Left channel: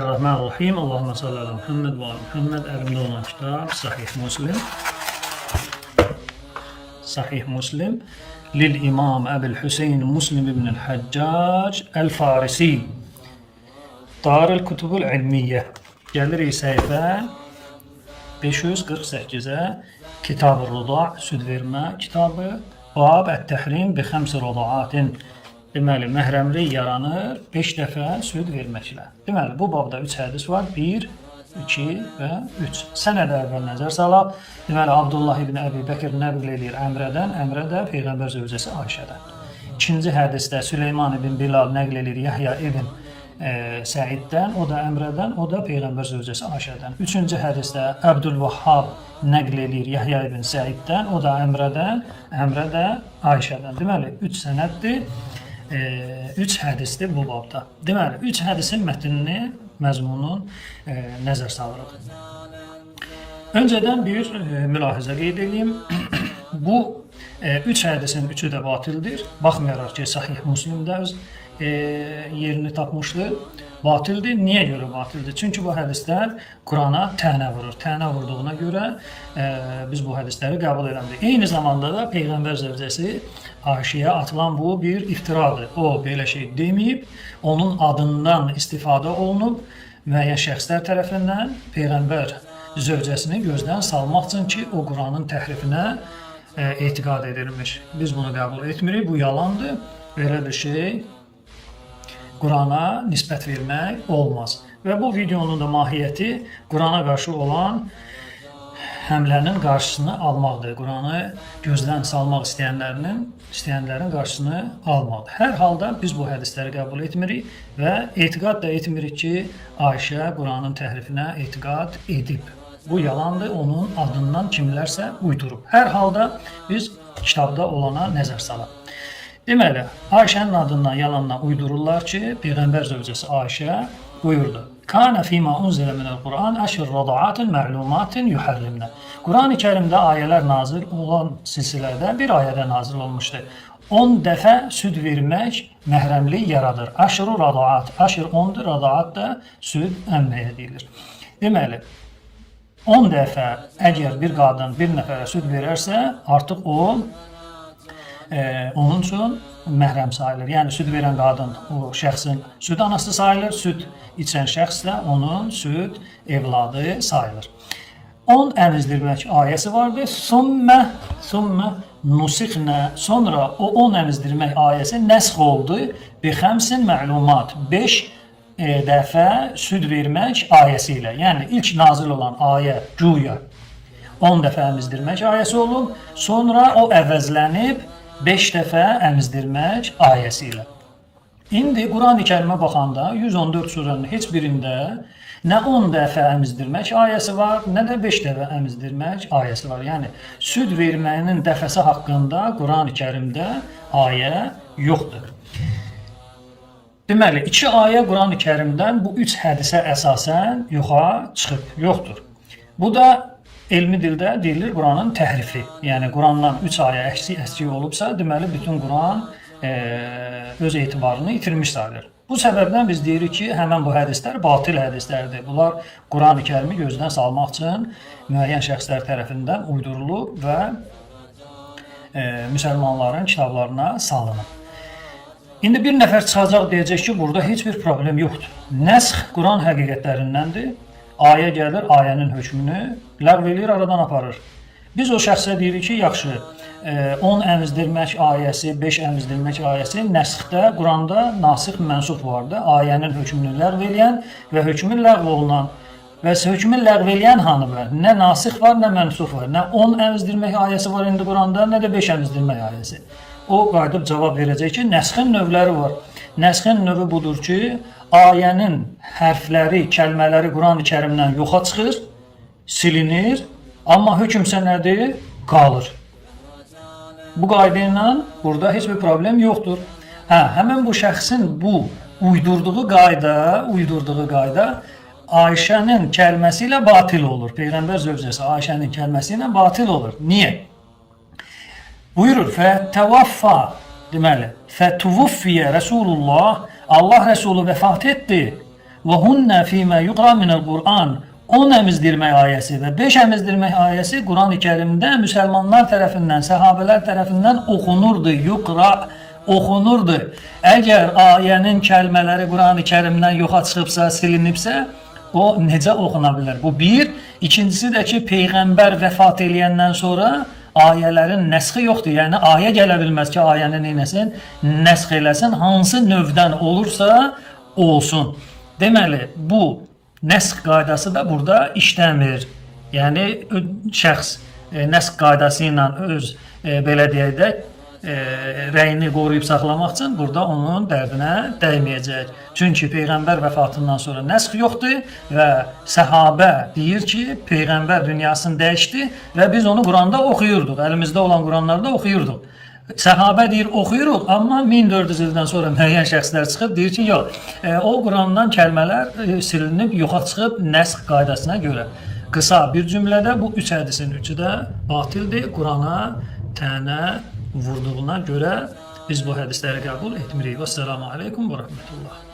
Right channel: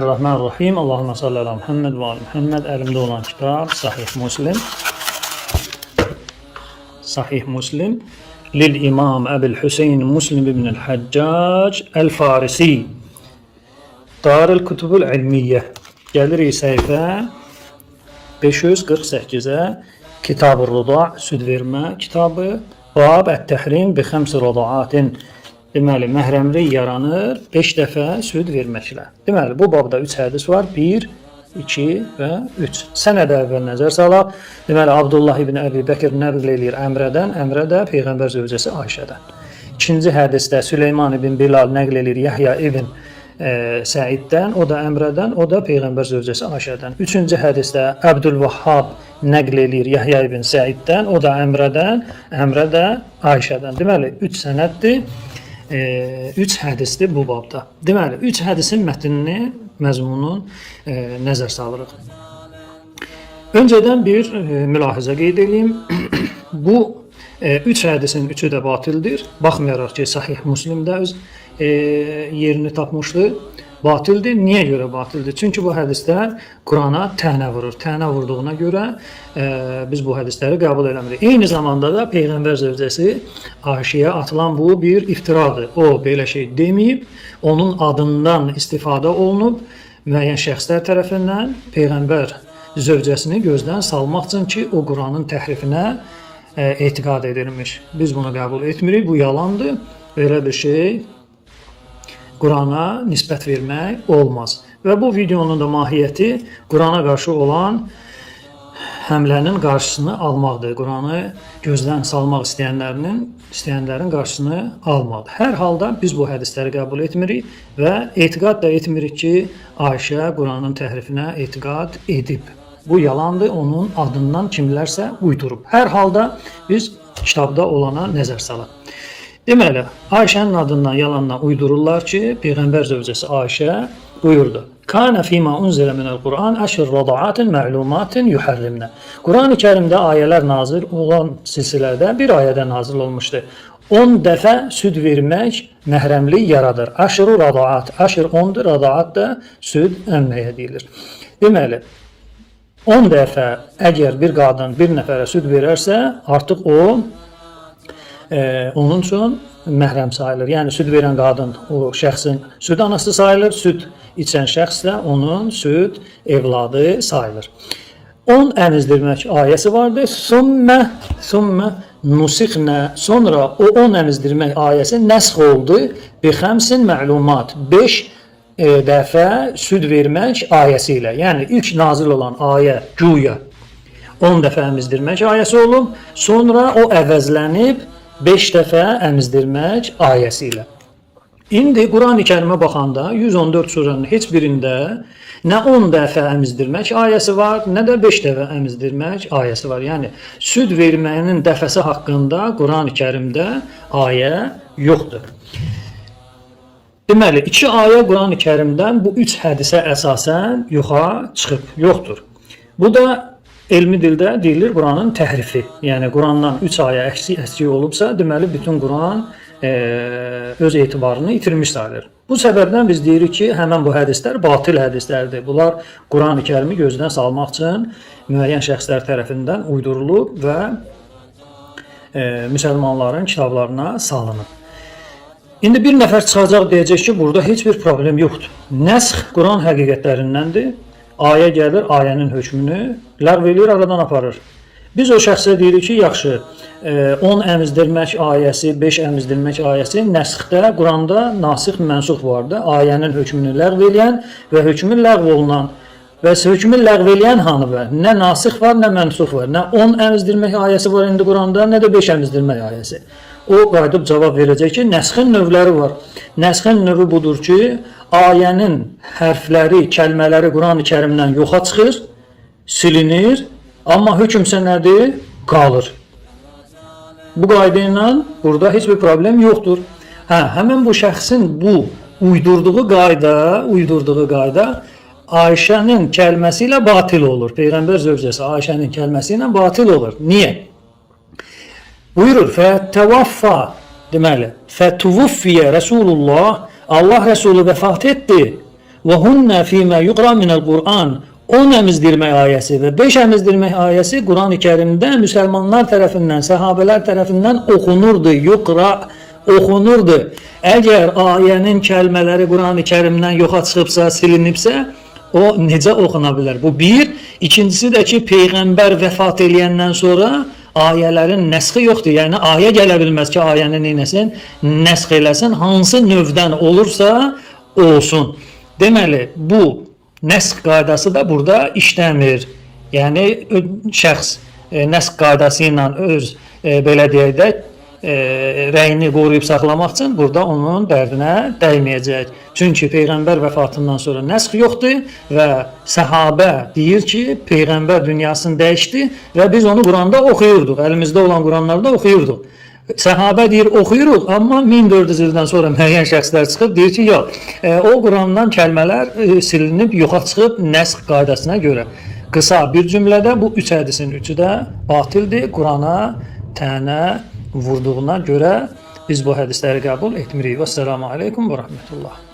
Bismillahirrahmanirrahim. Allahümme salli ala Muhammed ve ala Muhammed. Elimde olan kitap Sahih Muslim. Sahih Muslim. Lil İmam Ebu'l Hüseyin Muslim ibn Haccac el-Farisi. Darül Kutubul İlmiyye. Gəlirik səhifə 548-ə. Kitab-ı Rıda, süd vermə kitabı. Bab ət-təhrim bi xəmsi rədaatin. Deməli, məhrəmlik yaranır 5 dəfə süd verməklə. Deməli, bu babda 3 hədis var. 1, 2 və 3. Sənədə əvvəl nəzər salaq. Deməli, Abdullah ibn Əbi Bəkir nəql eləyir Əmrədən, Əmrə də Peyğəmbər zövcəsi Ayşədən. İkinci hədisdə Süleyman ibn Bilal nəql eləyir Yahya ibn Səiddən, o da Əmrədən, o da Peyğəmbər zövcəsi Ayşədən. Üçüncü hədisdə Əbdülvahhab nəql eləyir Yahya ibn Səiddən, o da Əmrədən, Əmrə də Ayşədən. Deməli, 3 sənəddir. 3 hədisdir bu babda. Deməli, 3 hədisin mətnini, məzmunun nəzər salırıq. Öncədən bir mülahizə qeyd edeyim. Bu 3 hədisin 3-ü də batildir. Baxmayaraq ki, Sahih Müslimdə öz yerini tapmışdır. Batildir. Niyə görə batildir? Çünki bu hədislər Qurana tənə vurur. Tənə vurduğuna görə biz bu hədisləri qəbul eləmirik. Eyni zamanda da Peyğəmbər zövcəsi Ayşəyə atılan bu bir iftiradır. O belə şey deməyib, onun adından istifadə olunub müəyyən şəxslər tərəfindən Peyğəmbər zövcəsini gözdən salmaq üçün ki, o Quranın təhrifinə etiqad edilmiş. Biz bunu qəbul etmirik. Bu yalandır. Belə bir şey Qurana nisbət vermək olmaz. Və bu videonun da mahiyyəti Qurana qarşı olan həmlənin qarşısını almaqdır. Quranı gözdən salmaq istəyənlərin qarşısını almaqdır. Hər halda biz bu hədisləri qəbul etmirik və etiqad da etmirik ki, Ayşə Quranın təhrifinə etiqad edib. Bu yalandır, onun adından kimlərsə uydurub. Hər halda biz kitabda olana nəzər salaq. Deməli, Ayşənin adından yalandan uydururlar ki, Peyğəmbər zövcəsi Ayşə buyurdu. Kana fima unzila minel Quran əşr radaatin ma'lumatin yuharrimna. Quran-ı Kərimdə ayələr nazil olan silsilədə bir ayədə nazil olmuşdu. 10 dəfə süd vermək məhrəmlik yaradır. Əşr radaat, əşr 10-dur, radaat da süd əmməyə deyilir. Deməli, 10 dəfə əgər bir qadın bir nəfərə süd verərsə, artıq o onun üçün məhrəm sayılır. Yəni, süd verən qadın o şəxsin süd anası sayılır, süd içən şəxs də onun süd evladı sayılır. 10 əmizdirmək ayəsi vardır. Sümmə nusikhnə. Sonra o 10 əmizdirmək ayəsi nəsx oldu. Bi xəmsin məlumat. 5 dəfə süd vermək ayəsi ilə. Yəni, ilk nazil olan ayə güya 10 dəfə əmizdirmək ayəsi olub. Sonra o əvəzlənib 5 dəfə əmizdirmək ayəsi ilə. İndi Quran-ı Kərimə baxanda 114 surənin heç birində nə 10 dəfə əmizdirmək ayəsi var, nə də 5 dəfə əmizdirmək ayəsi var. Yəni, süd verməyinin dəfəsi haqqında Quran-ı Kərimdə ayə yoxdur. Deməli, 2 ayə Quran-ı Kərimdən bu 3 hədisə əsasən yoxa çıxıb, yoxdur. Bu da elmi dildə deyilir Quranın təhrifi. Yəni, Qurandan 3 ayə əksik olubsa, deməli, bütün Quran öz etibarını itirmiş sayılır. Bu səbəbdən biz deyirik ki, həmən bu hədislər batil hədislərdir. Bunlar Quran-ı Kərimi gözdən salmaq üçün müəyyən şəxslər tərəfindən uydurulub və müsəlmanların kitablarına salınıb. İndi bir nəfər çıxacaq deyəcək ki, burada heç bir problem yoxdur. Nəsx Quran həqiqətlərindəndir. Ayə gəlir, ayənin hökmünü ləğv eləyir, aradan aparır. Biz o şəxsə deyirik ki, yaxşı, 10 əmizdirmək ayəsi, 5 əmizdirmək ayəsi nəsxdə, Quranda nasix mənsux vardır. Ayənin hökmünü ləğv eləyən və hökmü ləğv olunan və hökmü ləğv eləyən hanı var? Nə nasix var, nə mənsux var. Nə 10 əmizdirmək ayəsi var indi Quranda, nə də 5 əmizdirmək ayəsi. O qayıdıb cavab verəcək ki, nəsxin növləri var. Nəsxin növü budur ki, ayənin hərfləri, kəlmələri Quran-ı Kərimdən yoxa çıxır, silinir, amma hökmsə nədir? Qalır. Bu qayda ilə burada heç bir problem yoxdur. Həmən bu şəxsin bu uydurduğu qayda Ayşənin kəlməsi ilə batil olur. Peyğəmbər zövcəsi Ayşənin kəlməsi ilə batil olur. Niyə? Buyurur, fətəvaffa, deməli, fətuvuffiyə Rəsulullah, Allah Rəsulü vəfat etdi. Və hunna fīmə yuqra minəl Qur'an. 10 əmizdirmək ayəsi və 5 əmizdirmək ayəsi Quran-ı Kərimdə müsəlmanlar tərəfindən, səhabələr tərəfindən oxunurdu, yuqra oxunurdu. Əgər ayənin kəlmələri Quran-ı Kərimdən yoxa çıxıbsa, silinibsə, o necə oxuna bilər? Bu bir. İkincisi də ki, Peyğəmbər vəfat eləyəndən sonra ayələrin nəsxi yoxdur. Yəni, ayə gələ bilməz ki, ayəni neynəsin? Nəsx eləsin. Hansı növdən olursa, olsun. Deməli, bu nəsx qaydası da burada işləmir. Yəni, şəxs nəsx qaydası ilə öz, belə deyək də, rəyini qoruyub saxlamaq üçün burada onun dərdinə dəyməyəcək. Çünki Peyğəmbər vəfatından sonra nəsx yoxdur və səhabə deyir ki, Peyğəmbər dünyasını dəyişdi və biz onu Quranda oxuyurduq. Əlimizdə olan Quranlarda oxuyurduq. Səhabə deyir, oxuyuruq, amma 1400 ildən sonra müəyyən şəxslər çıxıb deyir ki, yox, o Qurandan kəlmələr silinib, yoxa çıxıb nəsx qaydasına görə. Qısa bir cümlədə bu 3 hədisin 3-ü də batildir. Qurana tənə vurduğuna görə biz bu hədisləri qəbul etmirik. Vəssalamu aleykum və rəhmətullah.